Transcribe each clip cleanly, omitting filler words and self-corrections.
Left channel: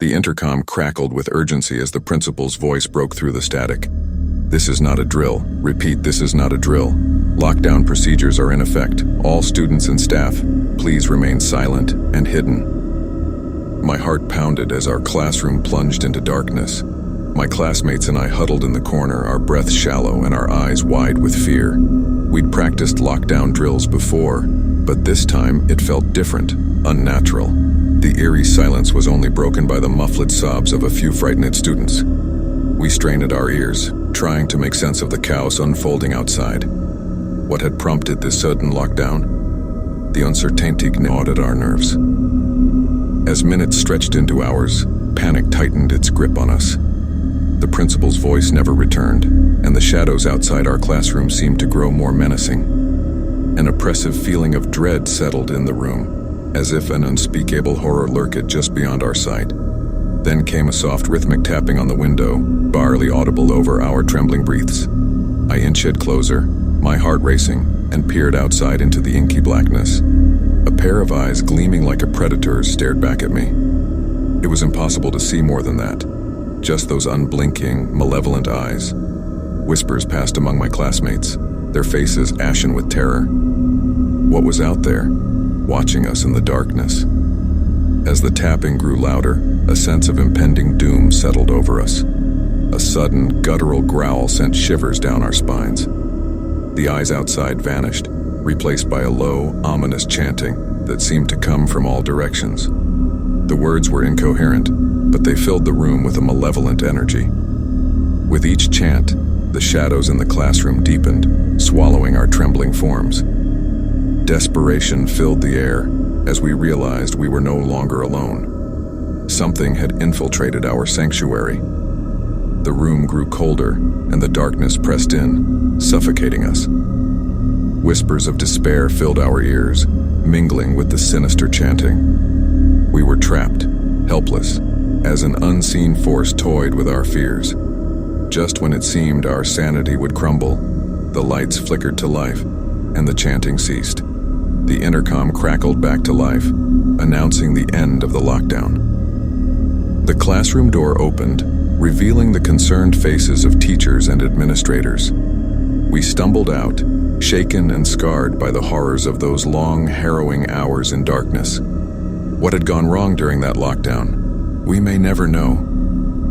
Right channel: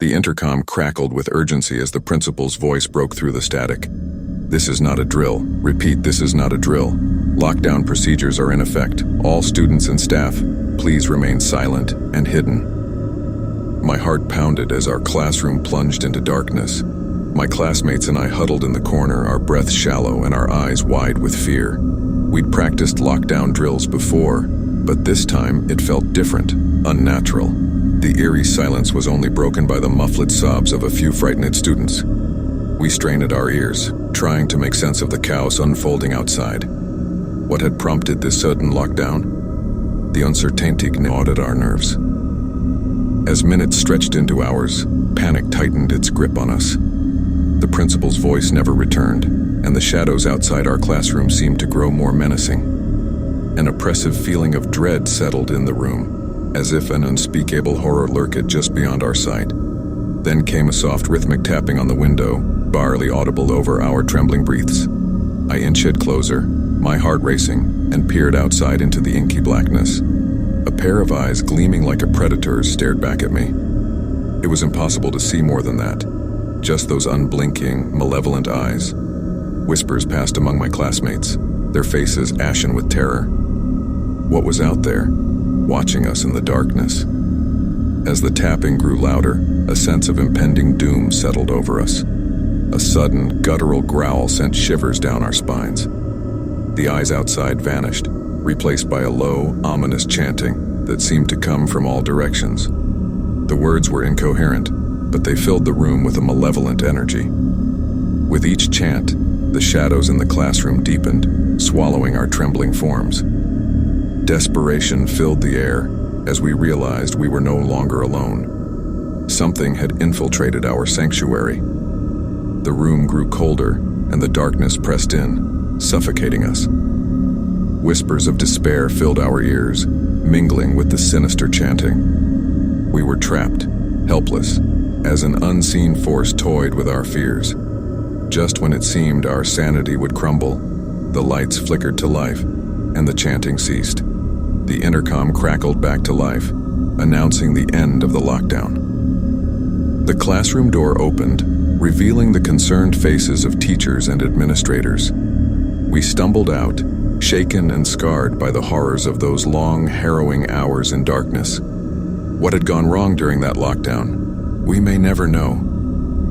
The intercom crackled with urgency as the principal's voice broke through the static. "This is not a drill. Repeat, this is not a drill. Lockdown procedures are in effect. All students and staff, please remain silent and hidden." My heart pounded as our classroom plunged into darkness. My classmates and I huddled in the corner, our breaths shallow and our eyes wide with fear. We'd practiced lockdown drills before, but this time it felt different, unnatural. The eerie silence was only broken by the muffled sobs of a few frightened students. We strained at our ears, trying to make sense of the chaos unfolding outside. What had prompted this sudden lockdown? The uncertainty gnawed at our nerves. As minutes stretched into hours, panic tightened its grip on us. The principal's voice never returned, and the shadows outside our classroom seemed to grow more menacing. An oppressive feeling of dread settled in the room, as if an unspeakable horror lurked just beyond our sight. Then came a soft rhythmic tapping on the window, barely audible over our trembling breaths. I inched closer, my heart racing, and peered outside into the inky blackness. A pair of eyes gleaming like a predator's stared back at me. It was impossible to see more than that. Just those unblinking, malevolent eyes. Whispers passed among my classmates, their faces ashen with terror. What was out there, watching us in the darkness? As the tapping grew louder, a sense of impending doom settled over us. A sudden, guttural growl sent shivers down our spines. The eyes outside vanished, replaced by a low, ominous chanting that seemed to come from all directions. The words were incoherent, but they filled the room with a malevolent energy. With each chant, the shadows in the classroom deepened, swallowing our trembling forms. Desperation filled the air as we realized we were no longer alone. Something had infiltrated our sanctuary. The room grew colder, and the darkness pressed in, suffocating us. Whispers of despair filled our ears, mingling with the sinister chanting. We were trapped, helpless, as an unseen force toyed with our fears. Just when it seemed our sanity would crumble, the lights flickered to life, and the chanting ceased. The intercom crackled back to life, announcing the end of the lockdown. The classroom door opened, revealing the concerned faces of teachers and administrators. We stumbled out, shaken and scarred by the horrors of those long, harrowing hours in darkness. What had gone wrong during that lockdown? We may never know,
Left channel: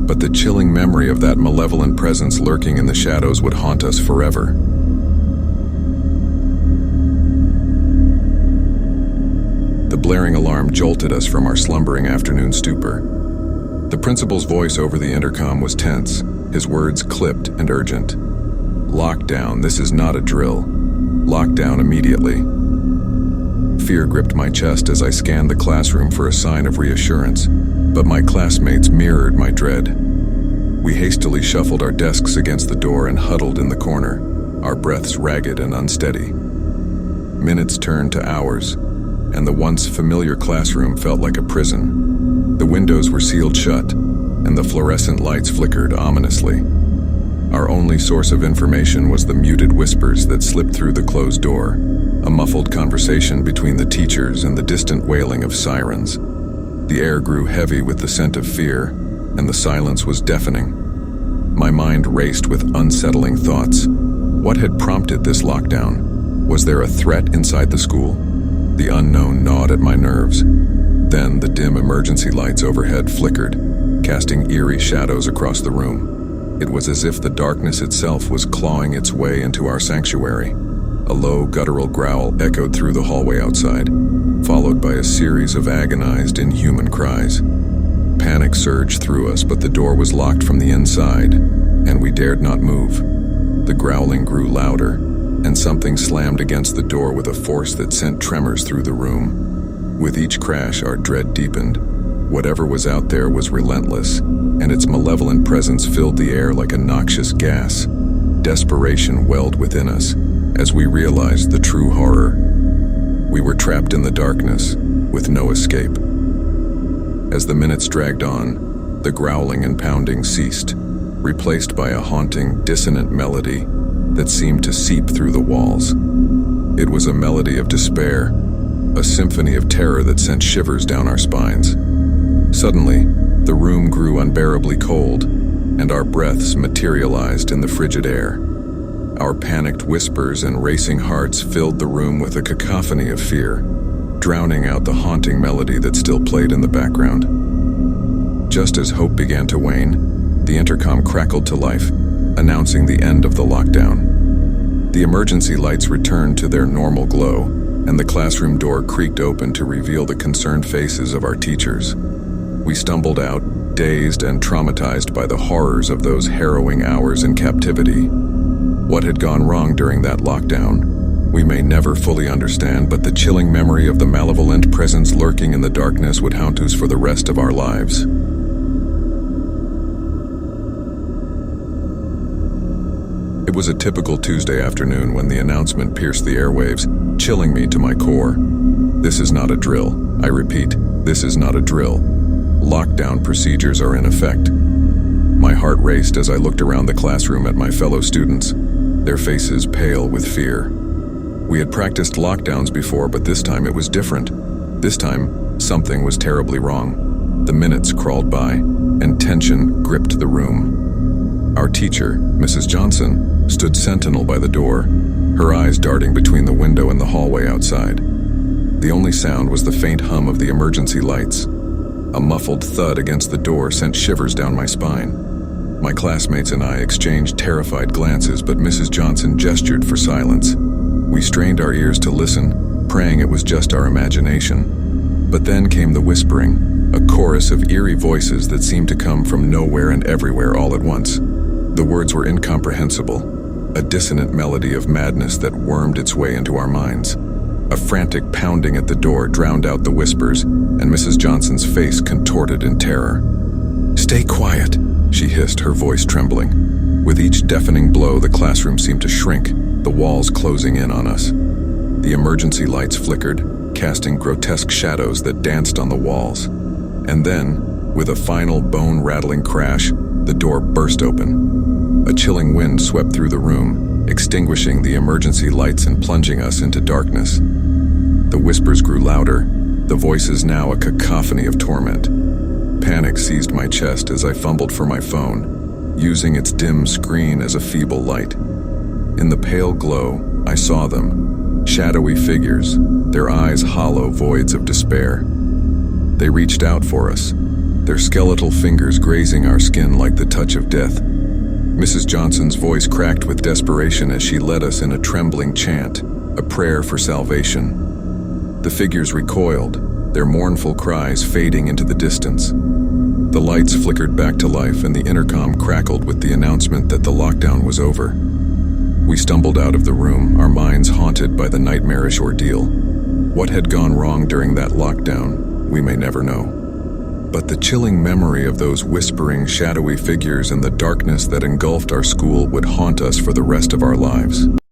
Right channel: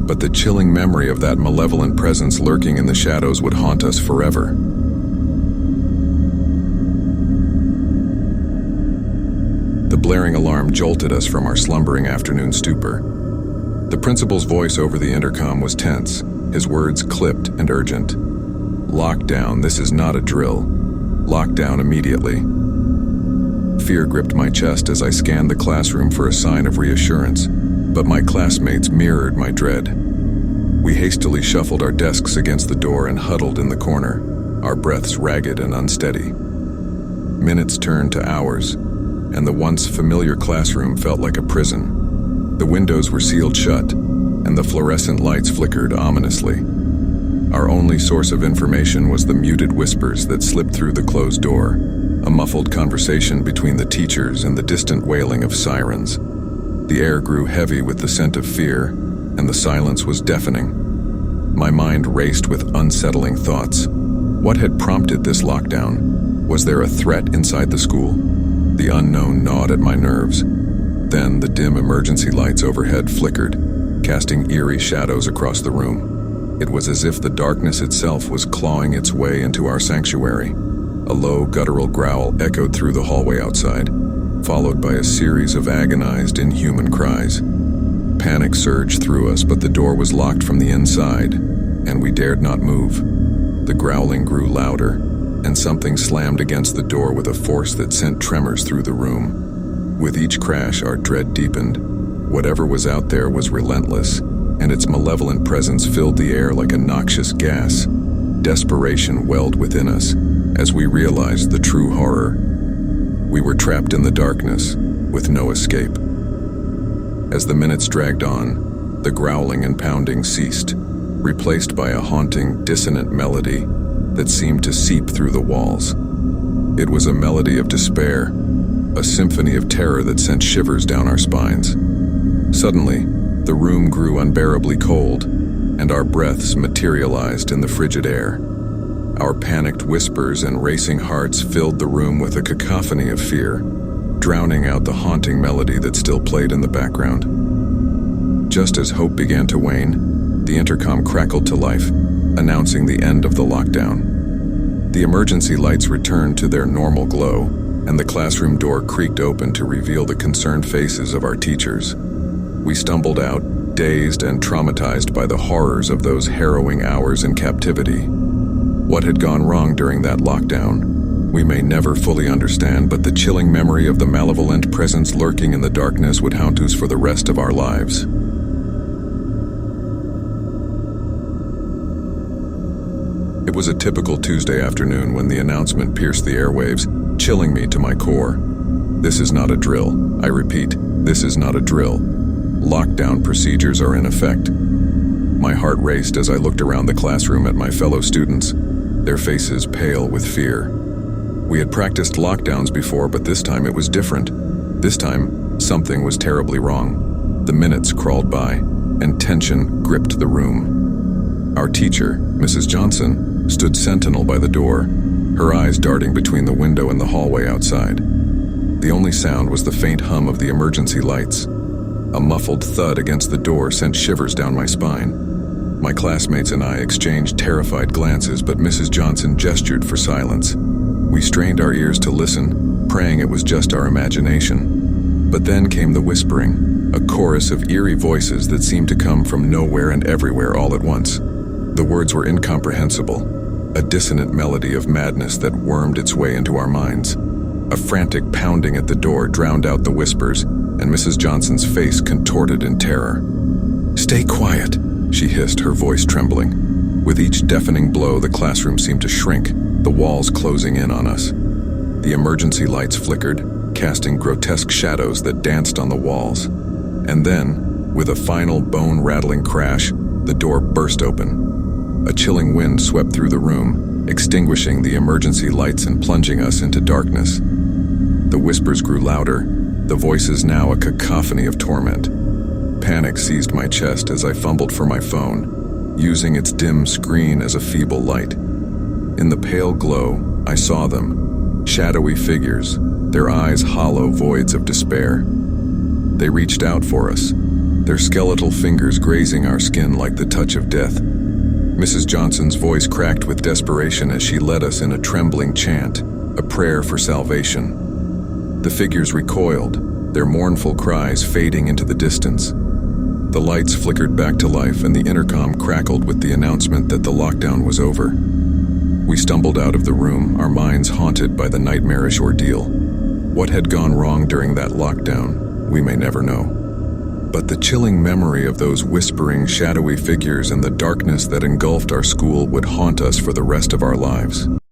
but the chilling memory of that malevolent presence lurking in the shadows would haunt us forever. The blaring alarm jolted us from our slumbering afternoon stupor. The principal's voice over the intercom was tense, his words clipped and urgent. "Lockdown, this is not a drill. Lockdown immediately." Fear gripped my chest as I scanned the classroom for a sign of reassurance, but my classmates mirrored my dread. We hastily shuffled our desks against the door and huddled in the corner, our breaths ragged and unsteady. Minutes turned to hours, and the once familiar classroom felt like a prison. The windows were sealed shut, and the fluorescent lights flickered ominously. Our only source of information was the muted whispers that slipped through the closed door, a muffled conversation between the teachers and the distant wailing of sirens. The air grew heavy with the scent of fear, and the silence was deafening. My mind raced with unsettling thoughts. What had prompted this lockdown? Was there a threat inside the school? The unknown gnawed at my nerves. Then the dim emergency lights overhead flickered, casting eerie shadows across the room. It was as if the darkness itself was clawing its way into our sanctuary. A low, guttural growl echoed through the hallway outside, followed by a series of agonized, inhuman cries. Panic surged through us, but the door was locked from the inside, and we dared not move. The growling grew louder, and something slammed against the door with a force that sent tremors through the room. With each crash, our dread deepened. Whatever was out there was relentless, and its malevolent presence filled the air like a noxious gas. Desperation welled within us as we realized the true horror. We were trapped in the darkness, with no escape. As the minutes dragged on, the growling and pounding ceased, replaced by a haunting, dissonant melody that seemed to seep through the walls. It was a melody of despair, a symphony of terror that sent shivers down our spines. Suddenly, The room grew unbearably cold, and our breaths materialized in the frigid air. Our panicked whispers and racing hearts filled the room with a cacophony of fear, drowning out the haunting melody that still played in the background. Just as hope began to wane, the intercom crackled to life, announcing the end of the lockdown. The emergency lights returned to their normal glow, and the classroom door creaked open to reveal the concerned faces of our teachers. We stumbled out, dazed and traumatized by the horrors of those harrowing hours in captivity. What had gone wrong during that lockdown, we may never fully understand, but the chilling memory of the malevolent presence lurking in the darkness would haunt us for the rest of our lives. It was a typical Tuesday afternoon when the announcement pierced the airwaves, chilling me to my core. This is not a drill. I repeat, this is not a drill. Lockdown procedures are in effect. My heart raced as I looked around the classroom at my fellow students, their faces pale with fear. We had practiced lockdowns before, but this time it was different. This time, something was terribly wrong. The minutes crawled by, and tension gripped the room. Our teacher, Mrs. Johnson, stood sentinel by the door, her eyes darting between the window and the hallway outside. The only sound was the faint hum of the emergency lights. A muffled thud against the door sent shivers down my spine. My classmates and I exchanged terrified glances, but Mrs. Johnson gestured for silence. We strained our ears to listen, praying it was just our imagination. But then came the whispering, a chorus of eerie voices that seemed to come from nowhere and everywhere all at once. The words were incomprehensible, a dissonant melody of madness that wormed its way into our minds. A frantic pounding at the door drowned out the whispers, and Mrs. Johnson's face contorted in terror. "Stay quiet," she hissed, her voice trembling. With each deafening blow, the classroom seemed to shrink, the walls closing in on us. The emergency lights flickered, casting grotesque shadows that danced on the walls. And then, with a final bone-rattling crash, the door burst open. A chilling wind swept through the room, extinguishing the emergency lights and plunging us into darkness. The whispers grew louder, the voices now a cacophony of torment. Panic seized my chest as I fumbled for my phone, using its dim screen as a feeble light. In the pale glow, I saw them, shadowy figures, their eyes hollow voids of despair. They reached out for us, their skeletal fingers grazing our skin like the touch of death. Mrs. Johnson's voice cracked with desperation as she led us in a trembling chant, a prayer for salvation. The figures recoiled, their mournful cries fading into the distance. The lights flickered back to life and the intercom crackled with the announcement that the lockdown was over. We stumbled out of the room, our minds haunted by the nightmarish ordeal. What had gone wrong during that lockdown, we may never know. But the chilling memory of those whispering, shadowy figures and the darkness that engulfed our school would haunt us for the rest of our lives.